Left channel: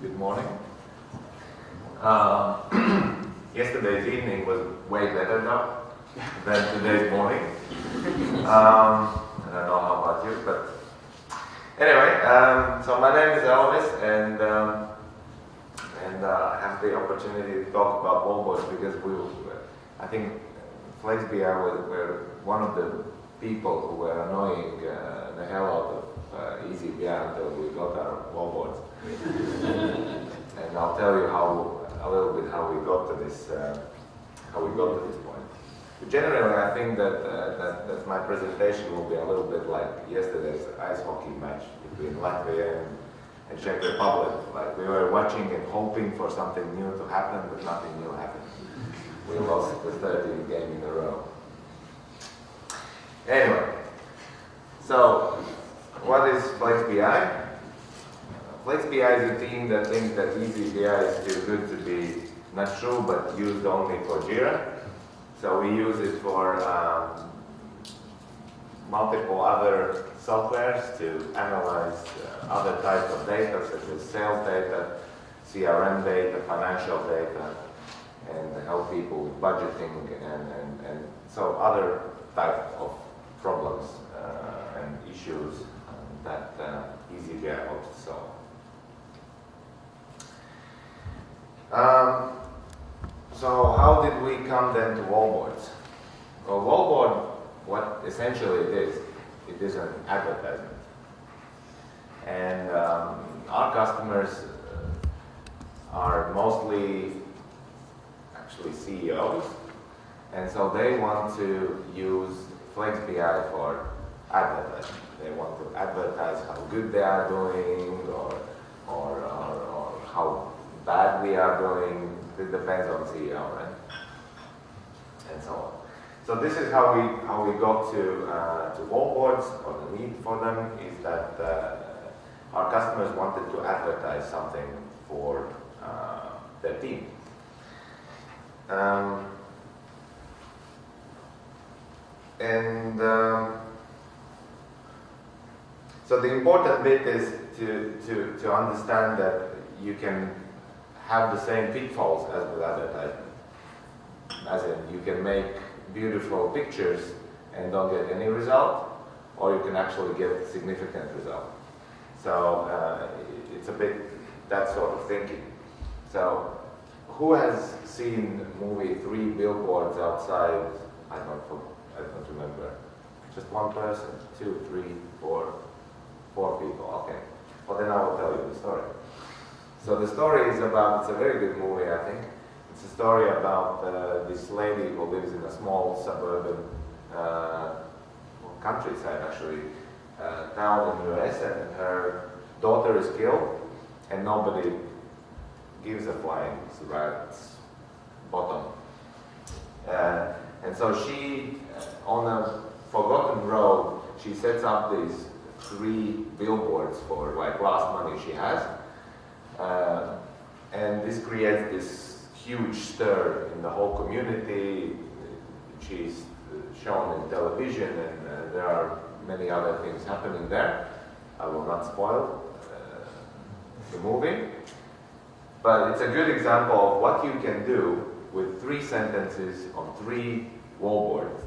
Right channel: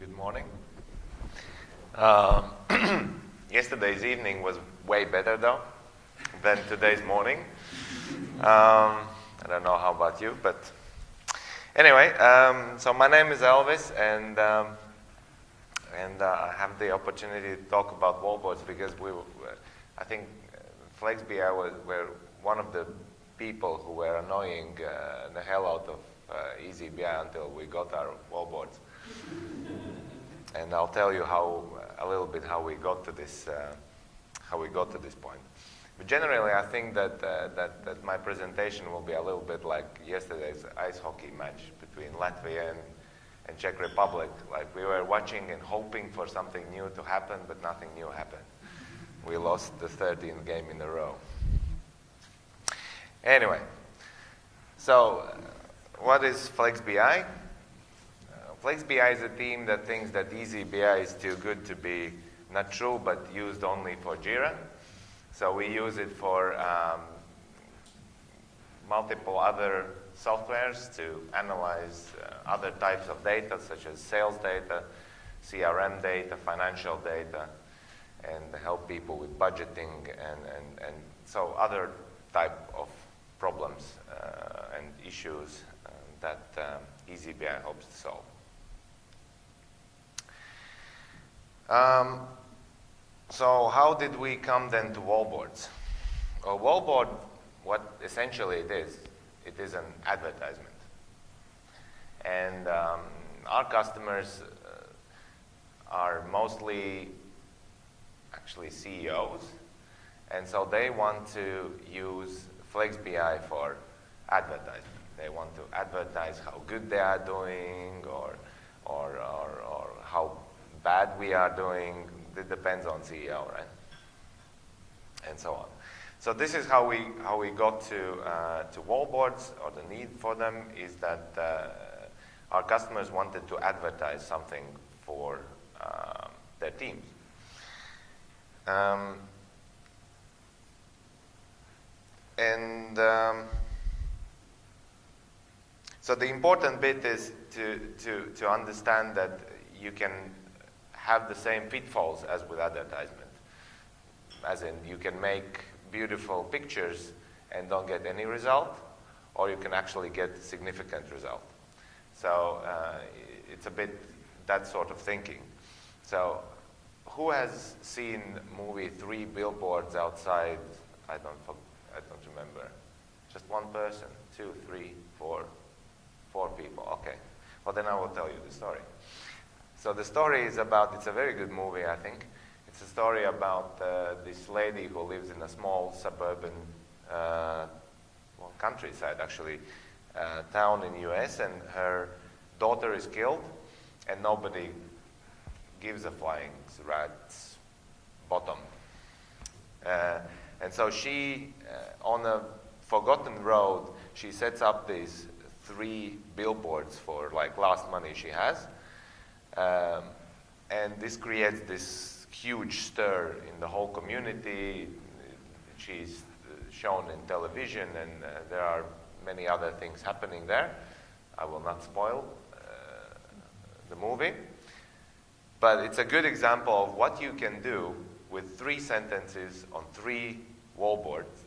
Good morning. Yesterday's evening was way better though than today's morning. I don't know how about you, but anyway, so my name is Elvis, and I have the opportunity to talk about Wallboards because I think Flex.bi were one of the people who were annoying the hell out of eazyBI until we got our Wallboards. And I'll tell you a little bit how we got to this point. But generally, I think that my presentation will be a little bit like yesterday's ice hockey match between Latvia and Czech Republic. Like we were watching and hoping for something new to happen, but nothing new happened. We lost the 13th game in a row. Anyway, so what is Flex.bi? Flex.bi is a team that thinks that eazyBI is too good to be not true, but used only for Jira. So we use it for multiple other softwares to analyze other types of data, such as sales data, CRM data, financial data, and help people with budgeting and so other type of problems and issues that eazyBI helps to solve. So how did we come then to Wallboards? Well, Wallboard, what essentially it is an advertisement. And our customers are mostly actually CEOs, and so they want to use Flex.bi for advertising. They want to advertise how good they are doing or how bad we are doing. It depends on CEO, right? And so on. So this is how we got to Wallboards, or the need for them is that our customers wanted to advertise something for their team. So the important bit is to understand that you can have the same pitfalls as with advertisement. As in, you can make beautiful pictures and don't get any result, or you can actually get a significant result. So it's a bit that sort of thinking. So who has seen the movie 3 Billboards Outside? I don't remember. Just one person, 2, 3, 4 people. Okay. Well, then I will tell you the story. So the story is about, it's a very good movie, I think. It's a story about this lady who lives in a small suburban, countryside actually, town in the US, and her daughter is killed, and nobody gives a flying rat's bottom. And so she, on a forgotten road, she sets up these 3 billboards for like last money she has. And this creates this huge stir in the whole community. She's shown in television, and there are many other things happening there. I will not spoil the movie, but it's a good example of what you can do with 3 sentences on 3 billboards.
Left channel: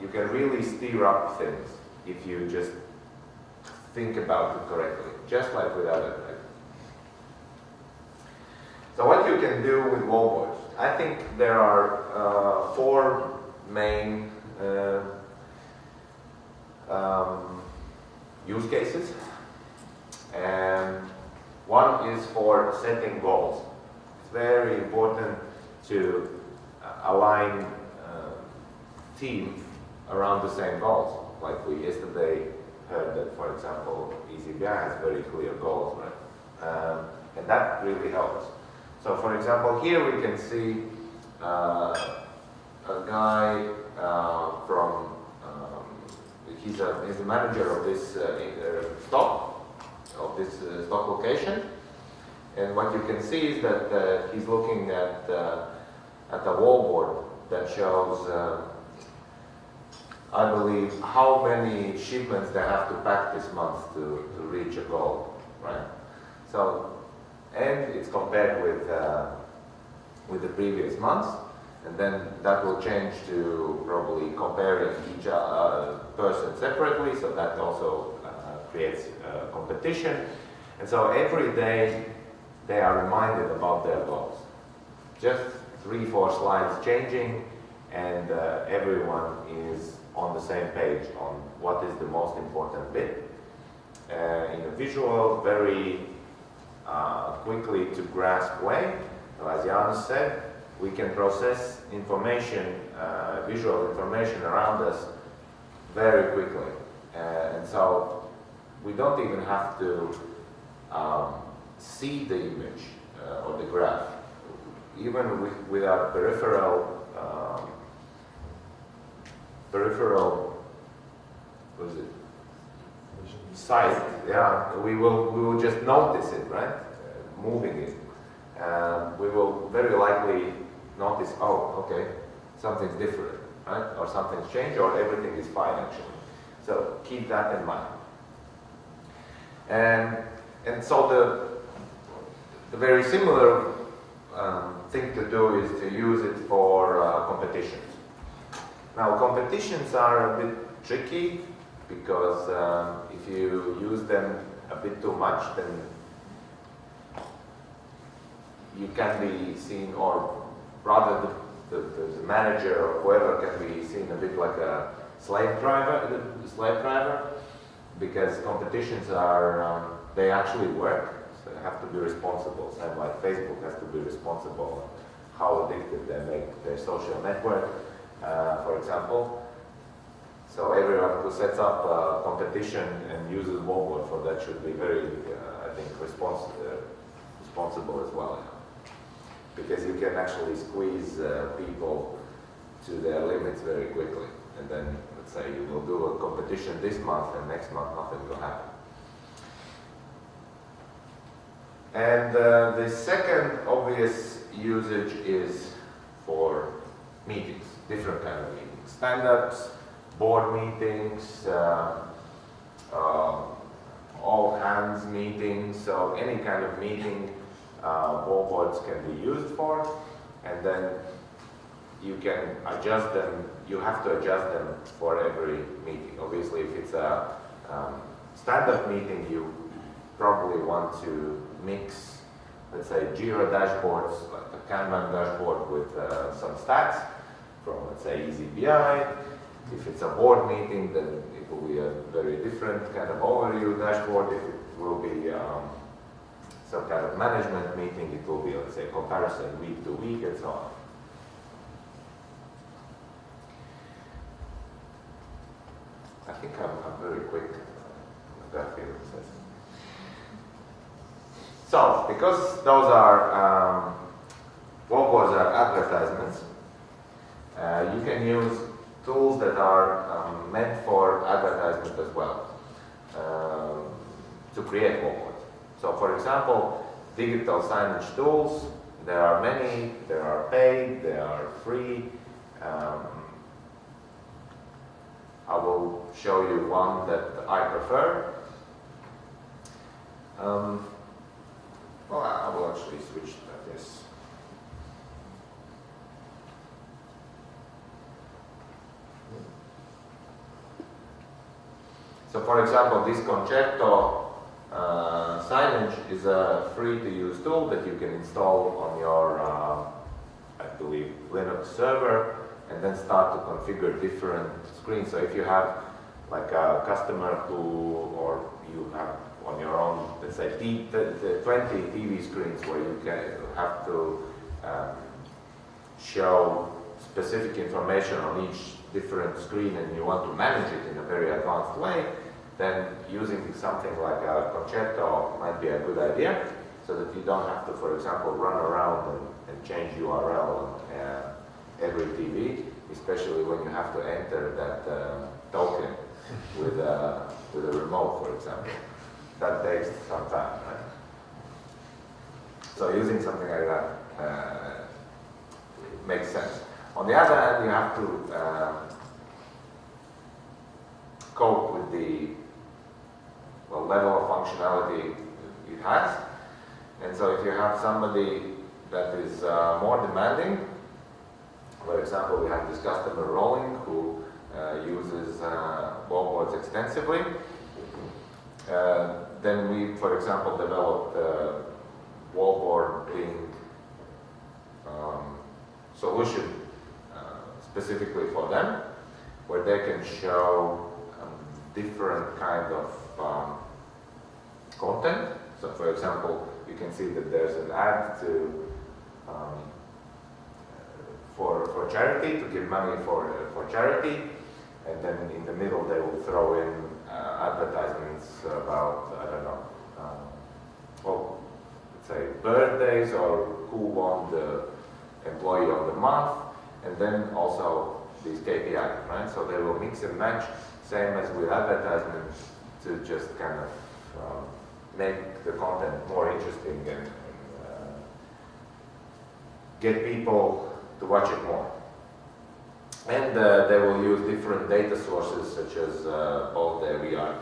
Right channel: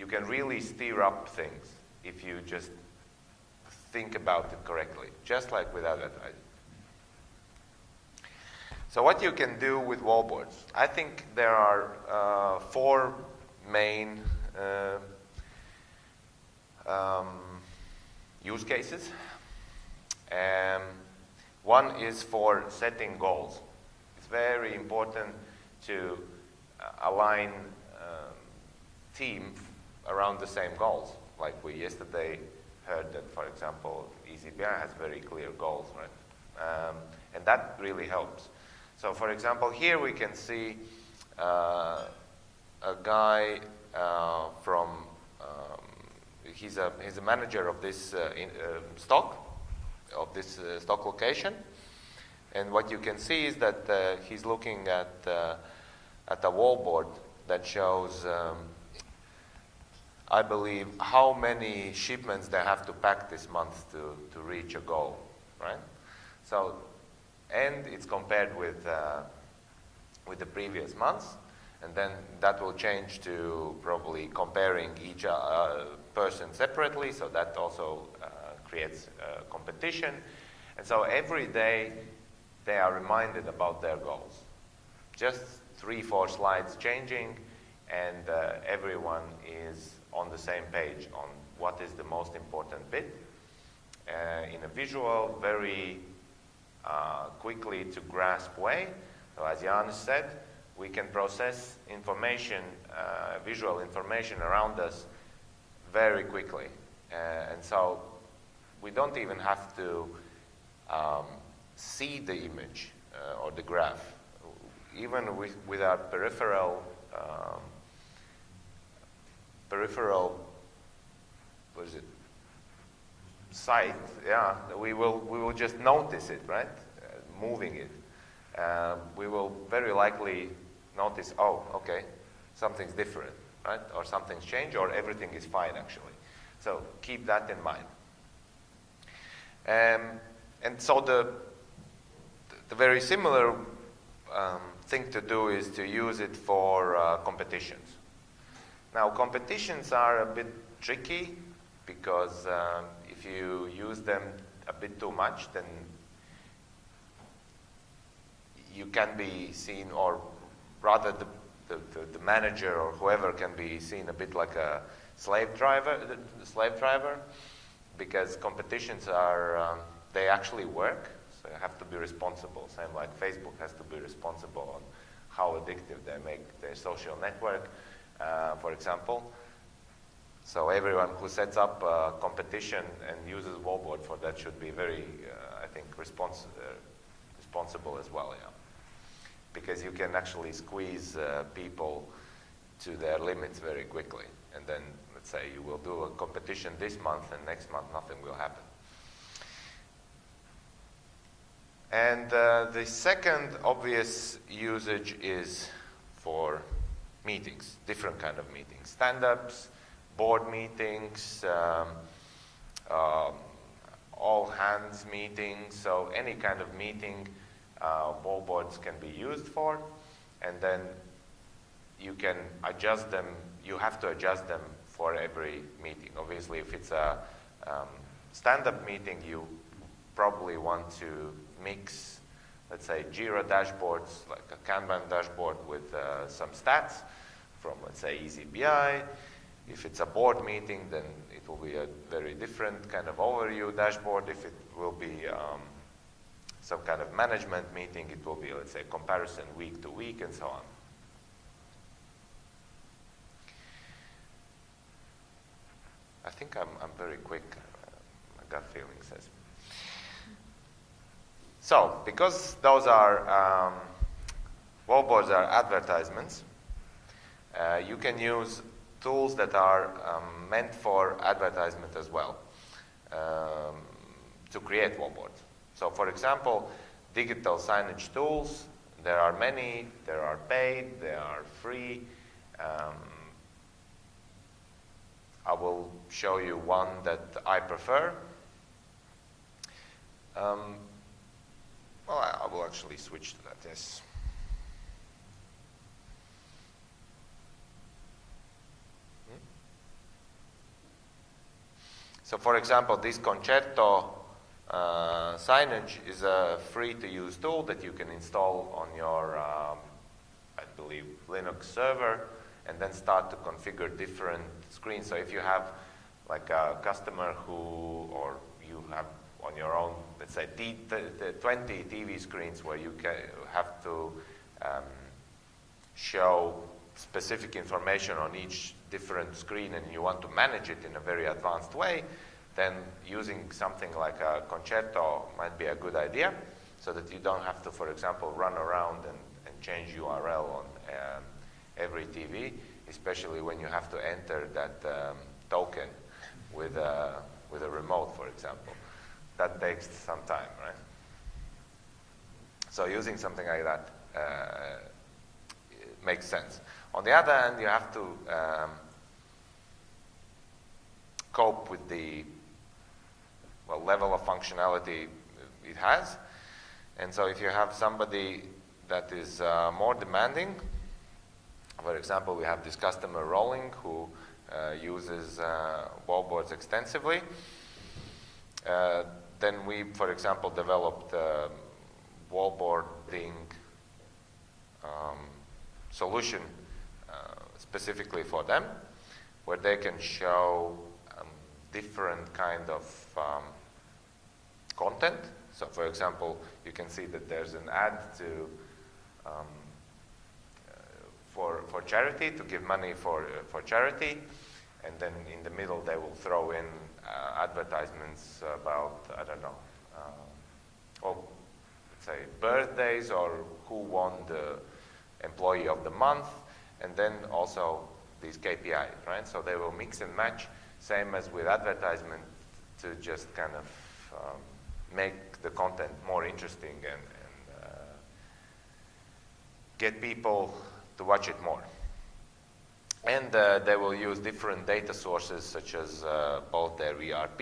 You can really stir up things if you just think about it correctly, just like with advertising. So what you can do with Wallboards? I think there are 4 main use cases. And one is for setting goals. It's very important to align teams around the same goals. Like we yesterday heard that, for example, eazyBI has very clear goals, right? And that really helps. So, for example, here we can see a guy from, he's a manager of this stock location, and what you can see is that he's looking at a wallboard that shows I believe how many shipments they have to pack this month to reach a goal. right? So, and it's compared with the previous months, and then that will change to probably comparing each person separately, so that also creates competition. And so every day they are reminded about their goals. Just 3-4 slides changing, and everyone is on the same page on what is the most important bit. In a visual, very quickly to grasp way. So as Janus said, we can process information, visual information around us very quickly. And so we don't even have to see the image or the graph. Even with our peripheral, what is it? Sight, yeah, we will just notice it, right? Moving it. We will very likely notice, oh, okay, something's different, right? Or something's changed, or everything is fine actually. So keep that in mind. And so the very similar thing to do is to use it for competitions. Now competitions are a bit tricky because if you use them a bit too much, then you can be seen, or rather the manager or whoever can be seen a bit like a slave driver, because competitions are, they actually work, so you have to be responsible. Same like Facebook has to be responsible how addictive they make their social network, for example. So everyone who sets up a competition and uses Wallboard for that should be very, I think, responsible as well. Yeah. Because you can actually squeeze people to their limits very quickly. And then, let's say, you will do a competition this month, and next month nothing will happen. And the second obvious usage is for meetings, different kind of meetings. Stand-ups, board meetings, all hands meetings, so any kind of meeting Wallboards can be used for, and then you can adjust them, you have to adjust them for every meeting. Obviously, if it's a stand-up meeting, you probably want to mix, let's say, Jira dashboards, like a Kanban dashboard with some stats from, let's say, eazyBI. If it's a board meeting, then it will be a very different kind of overview dashboard. If it will be some kind of management meeting, it will be, let's say, comparison week to week and so on. I think I'm very quick. I've got a feeling this. So, because those are Wallboards are advertisements, you can use tools that are meant for advertisement as well to create Wallboards. So, for example, digital signage tools, there are many, there are paid, there are free. I will show you one that I prefer. Well, I will actually switch to this. So, for example, this Concerto signage is a free-to-use tool that you can install on your, I believe, Linux server, and then start to configure different screens. So if you have like a customer who, or you have on your own, let's say 20 TV screens where you can have to show specific information on each different screen, and you want to manage it in a very advanced way, then using something like a Concerto might be a good idea, so that you don't have to, for example, run around and change URL on every TV, especially when you have to enter that token with a remote, for example. That takes some time, right? So using something like that it makes sense. On the other hand, you have to cope with the level of functionality it has. And so if you have somebody that is more demanding, for example, we have this customer Rolling who uses wallboards extensively. Then we, for example, developed wallboarding solution specifically for them, where they can show different kind of content. So, for example, you can see that there's an ad to for charity, to give money for charity, and then in the middle they will throw in advertisements about, I don't know, let's say birthdays or who won the employee of the month, and then also these KPI, right? So they will mix and match, same as with advertisements, to just kind of make the content more interesting and get people to watch it more. And they will use different data sources, such as both their ERP,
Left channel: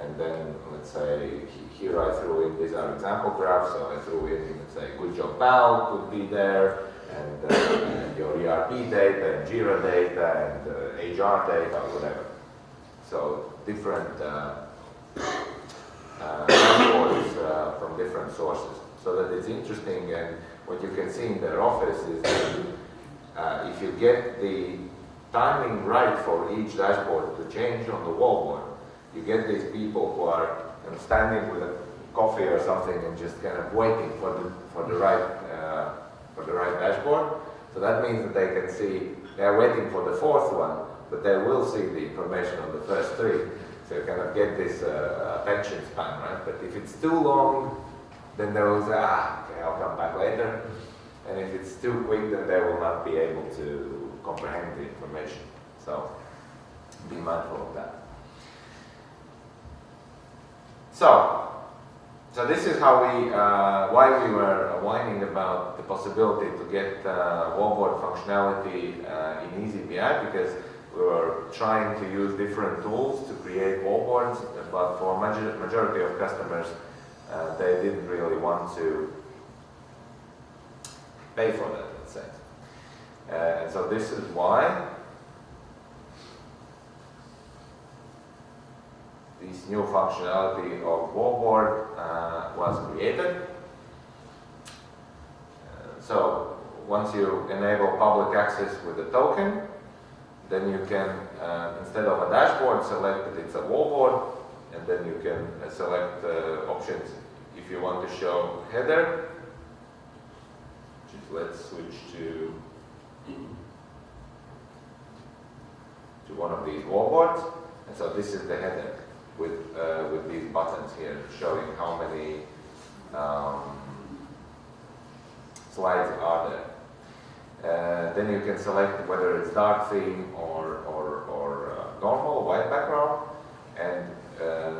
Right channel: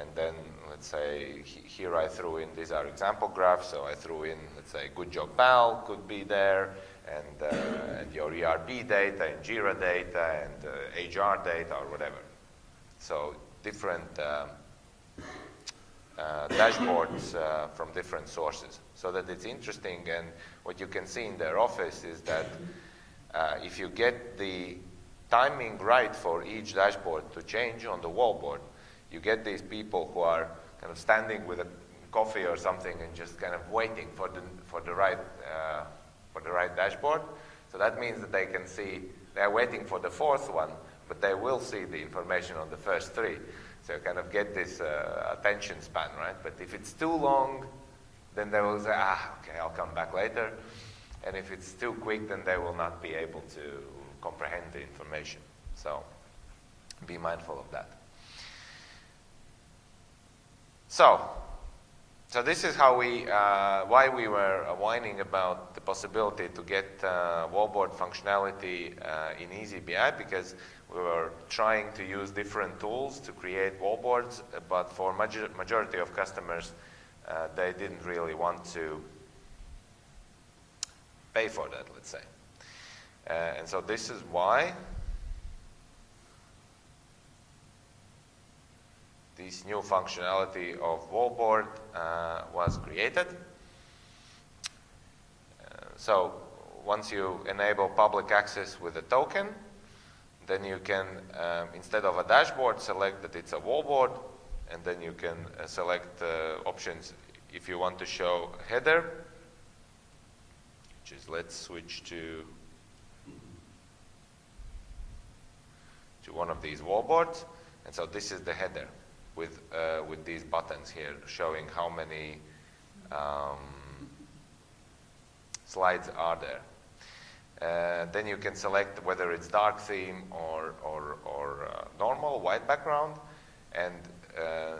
and then, let's say, here I threw in, these are example graphs, so I threw in, let's say, Good Job Pal could be there, and your ERP data, and Jira data, and HR data, or whatever. So different dashboards from different sources, so that it's interesting. And what you can see in their office is that if you get the timing right for each dashboard to change on the wallboard, you get these people who are standing with a coffee or something and just kind of waiting for the right dashboard. So that means that they can see, they're waiting for the fourth one, but they will see the information on the first three. So you kind of get this attention span, right? But if it's too long, then they will say, okay, I'll come back later. And if it's too quick, then they will not be able to comprehend the information. So be mindful of that. So this is how why we were whining about the possibility to get wallboard functionality in eazyBI, because we were trying to use different tools to create wallboards, but for majority of customers, they didn't really want to pay for that, let's say. And so this is why this new functionality of Wallboard was created. So once you enable public access with a token, then you can, instead of a dashboard, select that it's a wallboard, and then you can select options if you want to show header, which is, let's switch to one of these wallboards. And so this is the header with these buttons here showing how many slides are there. Then you can select whether it's dark theme or normal, white background, and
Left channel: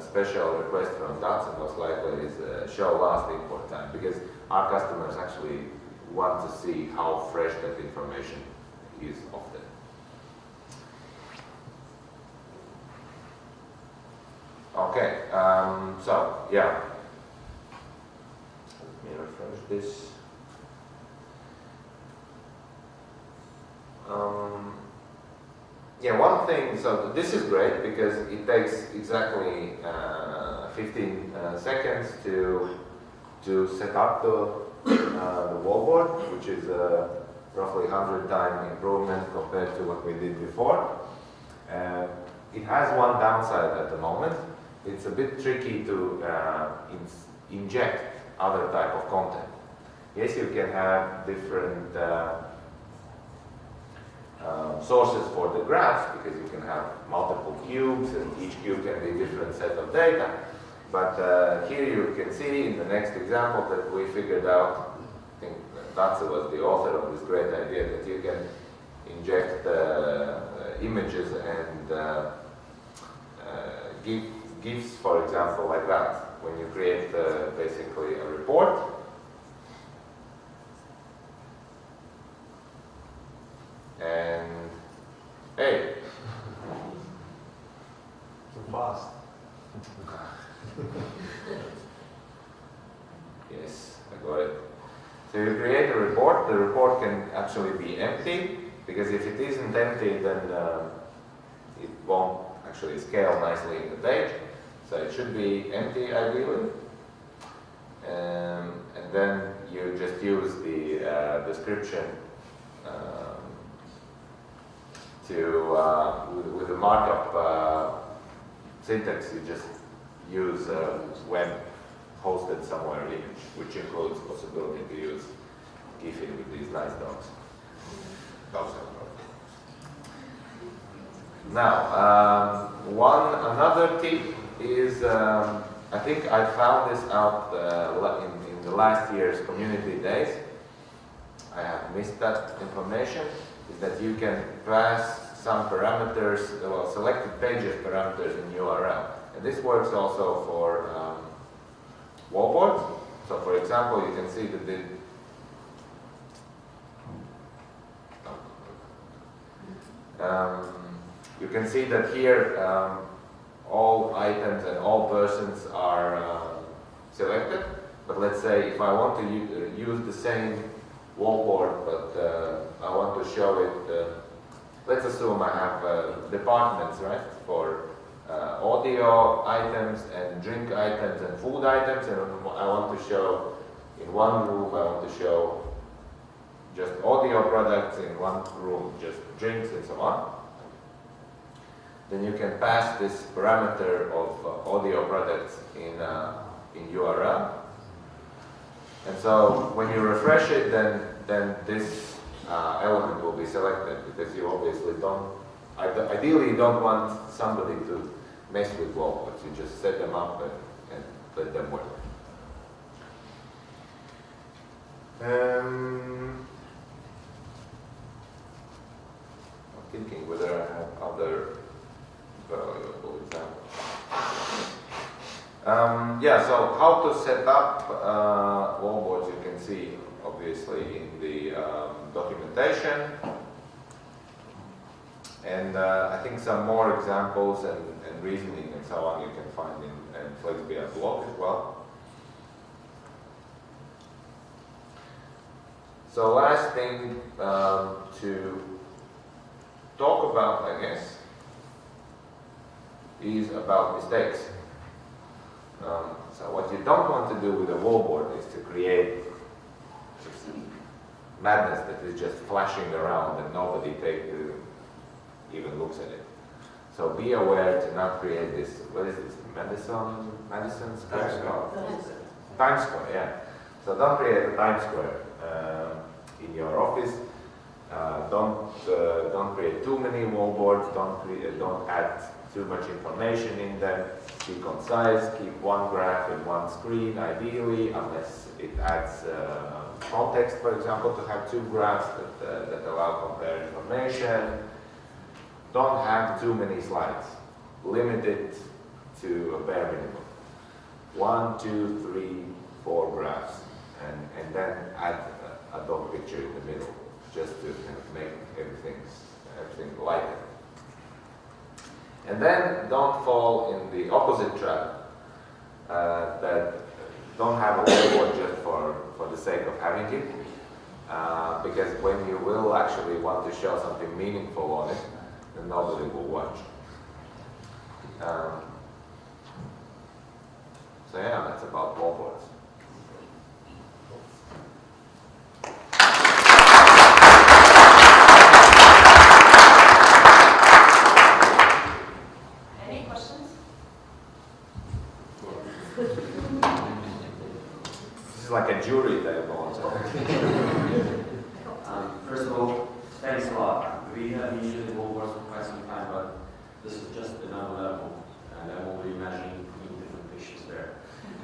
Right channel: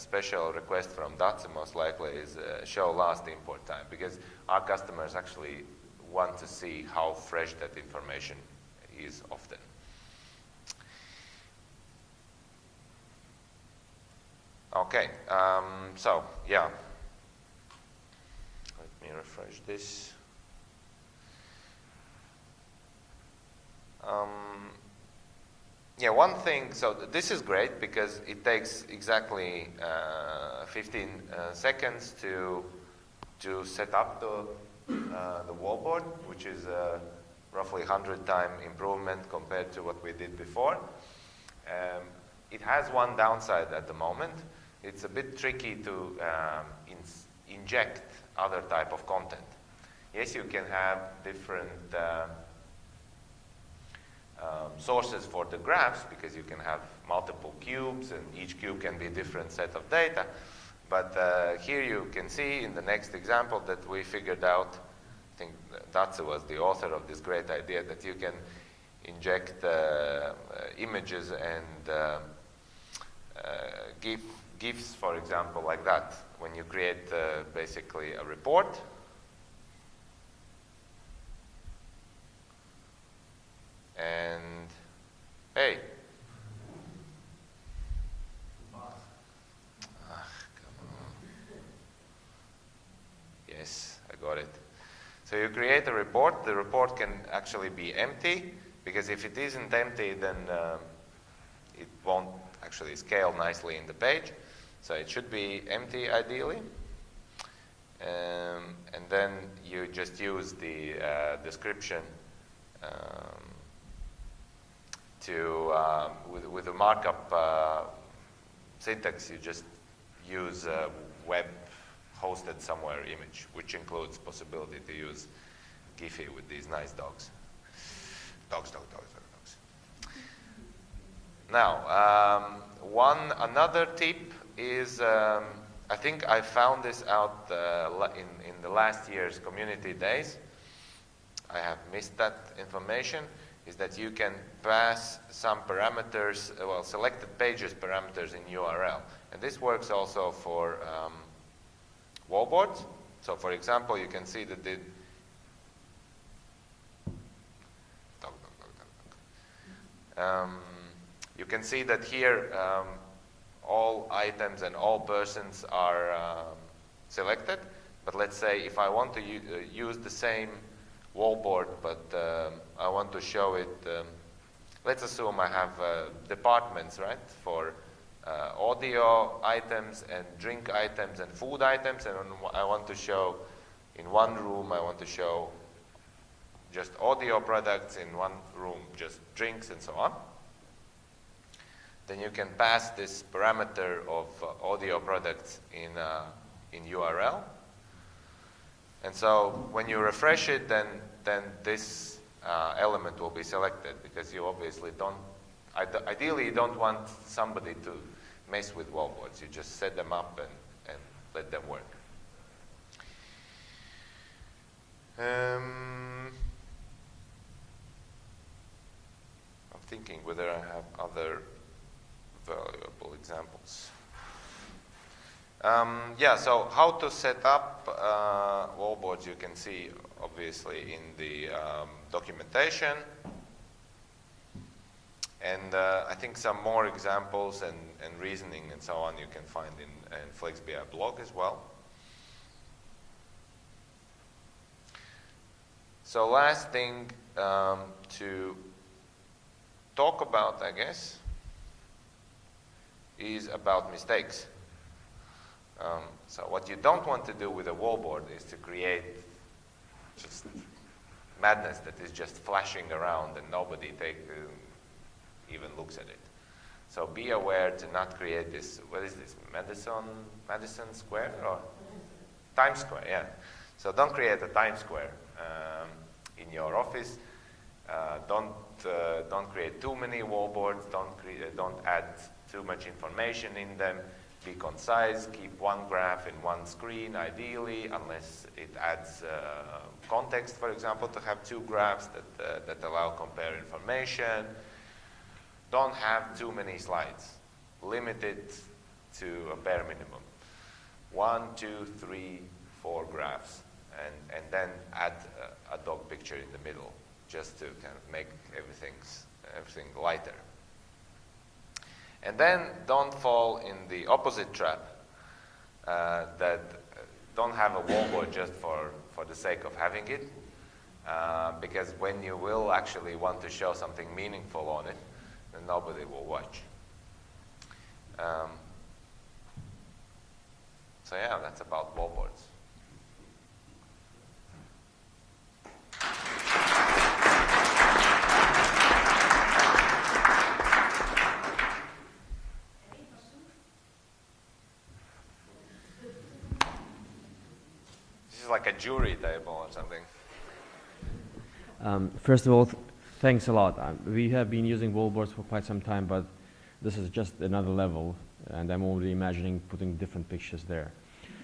special request from Datsun most likely is show last import time, because our customers actually want to see how fresh that information is often. Okay, so yeah, let me refresh this. Yeah, one thing, so this is great because it takes exactly 15 seconds to set up the wallboard, which is roughly 100-time improvement compared to what we did before. It has one downside at the moment. It's a bit tricky to inject other type of content. Yes, you can have different sources for the graphs, because you can have multiple cubes and each cube can be a different set of data. But here you can see in the next example that we figured out, I think Tatsu was the author of this great idea, that you can inject images and give GIFs, for example, like that, when you create basically a report. And hey, too fast. Yes, I got it. So you create a report. The report can actually be empty, because if it isn't empty, then it won't actually scale nicely in the page. So it should be empty ideally. And then you just use the description with the markup syntax. You just use web hosted somewhere image, which includes possibility to use Giphy with these nice dogs. Dogs. Now, another tip is, I think I found this out in the last year's community days. I have missed that information. Is that you can pass some parameters, well, selected pages parameters in URL. And this works also for Wallboards. So for example, you can see that you can see that here all items and all persons are selected. But let's say if I want to use the same Wallboard, but I want to show it, let's assume I have departments, right, for audio items and drink items and food items, and I want to show in one room, I want to show just audio products, in one room just drinks and so on. Then you can pass this parameter of audio products in URL. And so when you refresh it, then this element will be selected, because you obviously don't, ideally you don't want somebody to mess with Wallboards. You just set them up and let them work. I'm thinking whether I have other valuable examples. Yeah, so how to set up Wallboards, you can see obviously in the documentation. And I think some more examples and reasoning and so on you can find in Flex.bi blog as well. So last thing to talk about, I guess, is about mistakes. So what you don't want to do with a Wallboard is to create just madness that is just flashing around and nobody even looks at it. So be aware to not create this, what is this, Madison Square? Times Square, yeah. So don't create a Times Square in your office. Don't create too many Wallboards, don't add too much information in them. Be concise, keep one graph in one screen ideally, unless it adds context, for example, to have two graphs that allow compare information. Don't have too many slides. Limit it to a bare minimum. 1, 2, 3, 4 graphs, and then add a dog picture in the middle, just to kind of make everything lighter. And then don't fall in the opposite trap, that don't have a Wallboard just for the sake of having it, because when you will actually want to show something meaningful on it, then nobody will watch. So yeah, that's about Wallboards. Like a jury table or something. First of all, thanks a lot. We have been using Wallboards for quite some time, but this is just another level, and I'm already imagining putting different pictures there.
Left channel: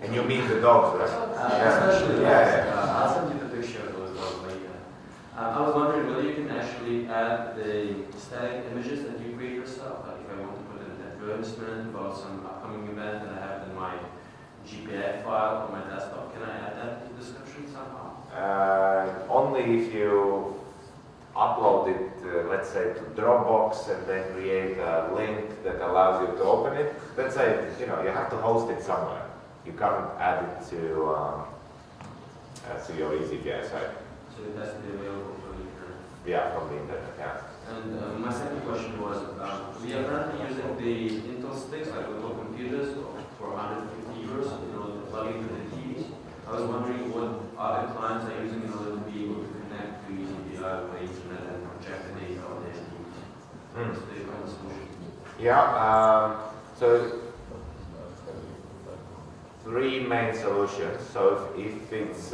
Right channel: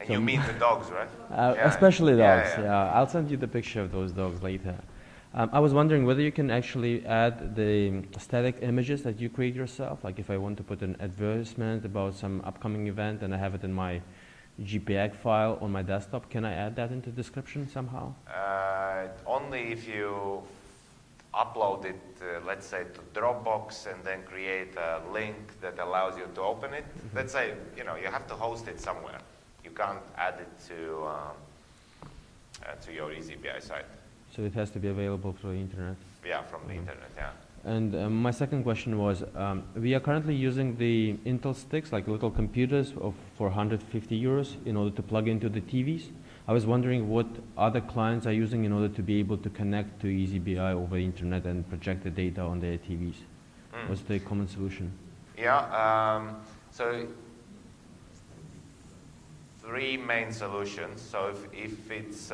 And you mean the dogs, right? Yeah. Especially dogs. Yeah. I'll send you the picture of those dogs later. I was wondering whether you can actually add the static images that you create yourself. Like if I want to put an advertisement about some upcoming event and I have it in my JPEG file on my desktop, can I add that into the description somehow? Only if you upload it, let's say, to Dropbox and then create a link that allows you to open it. Let's say, you have to host it somewhere. You can't add it to to your eazyBI site. So it has to be available through internet. Yeah, from the internet, yeah. And my second question was, we are currently using the Intel sticks, like little computers, for 150 euros in order to plug into the TVs. I was wondering what other clients are using in order to be able to connect to eazyBI over internet and project the data on their TVs. What's the common solution? Yeah, so three main solutions. So if it's,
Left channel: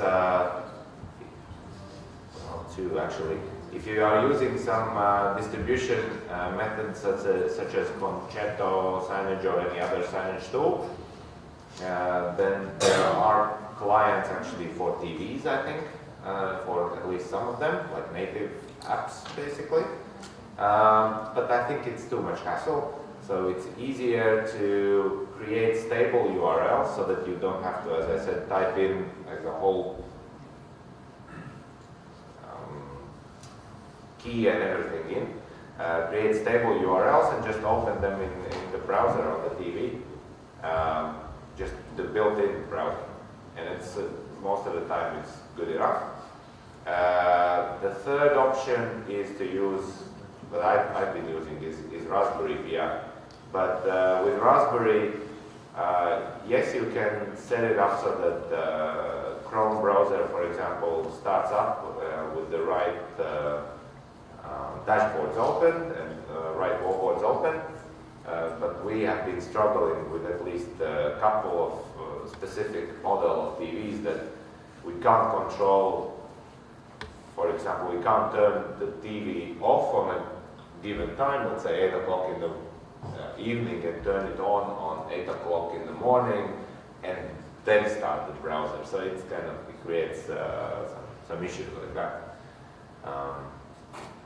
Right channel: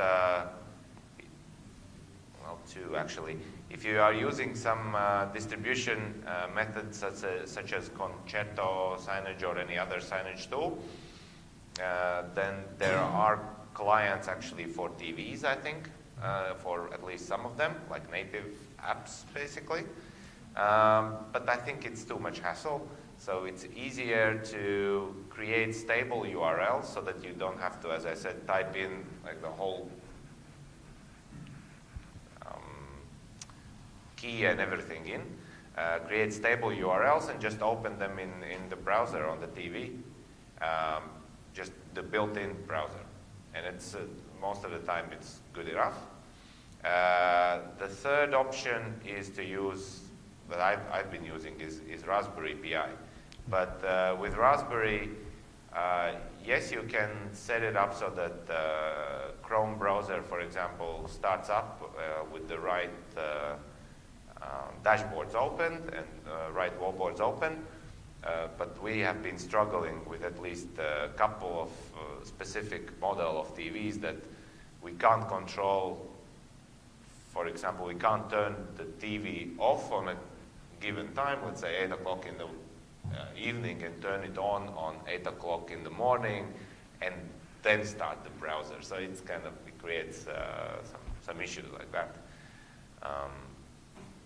two actually. If you are using some distribution methods such as Concerto, Signage, or any other signage tool, then there are clients actually for TVs, I think, for at least some of them, like native apps basically. But I think it's too much hassle. So it's easier to create stable URLs so that you don't have to, as I said, type in like the whole key and everything in. Create stable URLs and just open them in the browser on the TV. Just the built-in browser. And it's most of the time it's good enough. The third option is to use, that I've been using is Raspberry Pi. But with Raspberry, yes, you can set it up so that the Chrome browser, for example, starts up with the right dashboards open and right wallboards open. But we have been struggling with at least a couple of specific model of TVs that we can't control. For example, we can't turn the TV off on a given time, let's say 8 o'clock in the evening, and turn it on 8 o'clock in the morning, and then start the browser. So it's kind of, it creates some issues like that.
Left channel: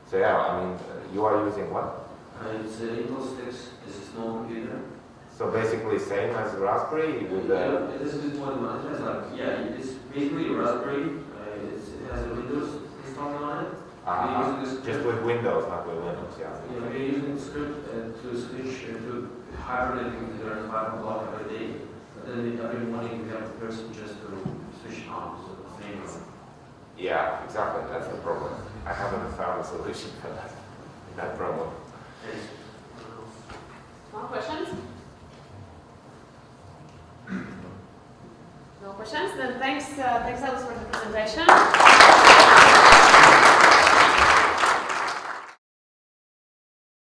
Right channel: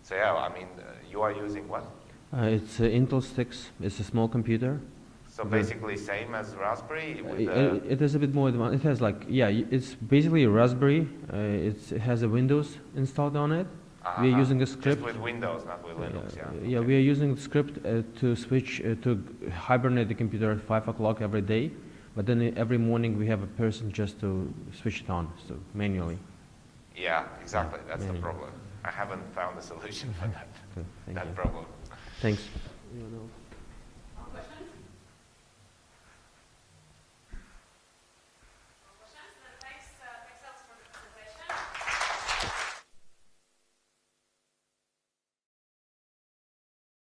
So yeah, I mean, you are using what? It's Intel sticks. It's a small computer. So basically same as Raspberry? It is a bit more advanced. It has like, yeah, it's basically a Raspberry. It has a Windows installed on it. We're using a script. Just with Windows, not with Linux, yeah. Yeah, we're using a script to switch, to hibernate the computer at 5 o'clock every day. But then every morning we have a person just to switch it on, so manually. Yeah, exactly. That's the problem. I haven't found a solution for that problem. Thanks. More questions? No questions? Then thanks Elvis for the presentation.